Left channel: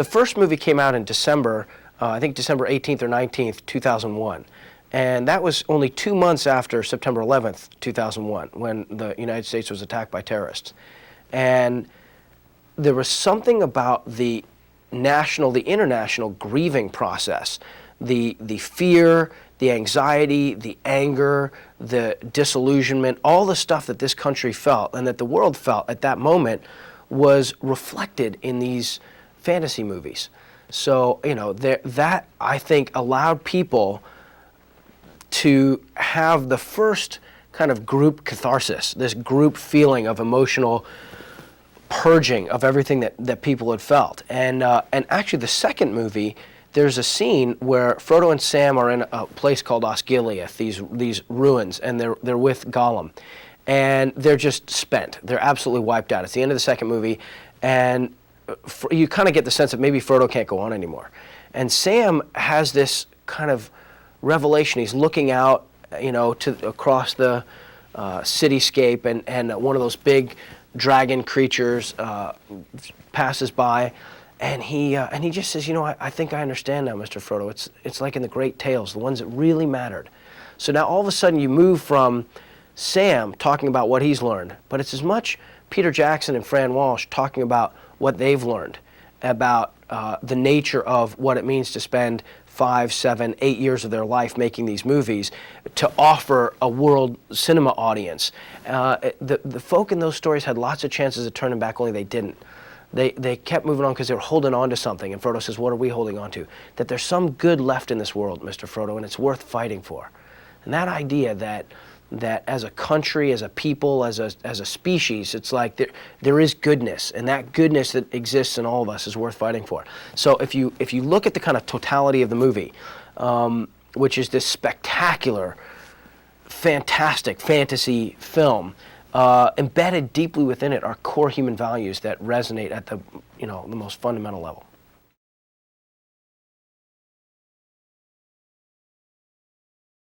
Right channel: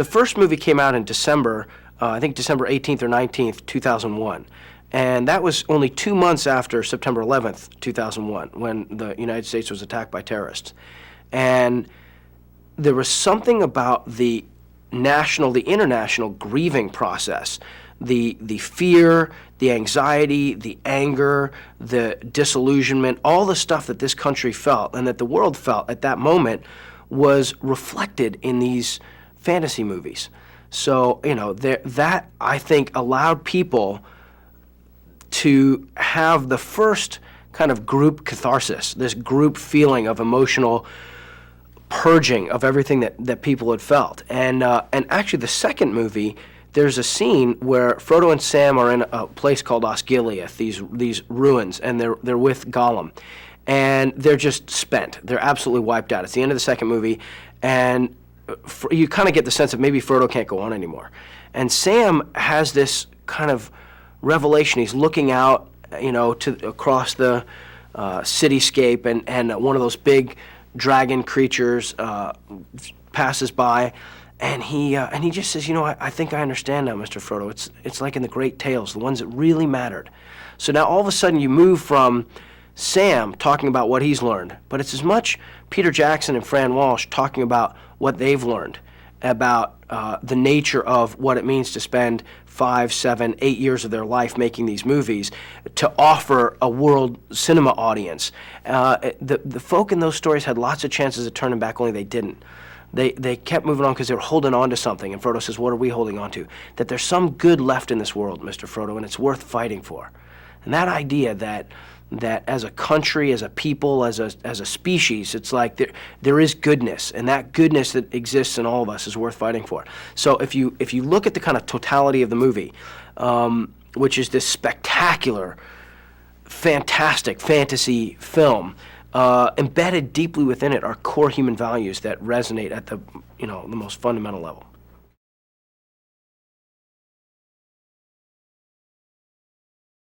The first movie came out in December, I think December 18th or 19th, 2001. And that was only 2 months after September 11th, 2001, when the United States was attacked by terrorists. And there was something about the international grieving process, the fear, the anxiety, the anger, the disillusionment, all the stuff that this country felt and that the world felt at that moment was reflected in these fantasy movies. So, that I think allowed people to have the first kind of group catharsis, this group feeling of emotional purging of everything that people had felt. And actually the second movie, there's a scene where Frodo and Sam are in a place called Osgiliath, these ruins, and they're with Gollum. And they're just spent. They're absolutely wiped out. It's the end of the second movie, and you kind of get the sense that maybe Frodo can't go on anymore. And Sam has this kind of revelation. He's looking out, across the cityscape, and one of those big dragon creatures passes by, and he just says, I think I understand now, Mr. Frodo. It's like in the great tales, the ones that really mattered. So now all of a sudden you move from Sam talking about what he's learned, but it's as much Peter Jackson and Fran Walsh talking about what they've learned about the nature of what it means to spend 5, 7, 8 years of their life making these movies to offer a world cinema audience. The folk in those stories had lots of chances of turning back, only they didn't. They kept moving on because they were holding on to something. And Frodo says, what are we holding on to? That there's some good left in this world, Mr. Frodo, and it's worth fighting for. And that idea that as a country, as a people, as a species, it's like there is goodness, and that goodness that exists in all of us is worth fighting for. So if you look at the kind of totality of the movie, which is this spectacular, fantastic fantasy film, embedded deeply within it are core human values that resonate at the most fundamental level.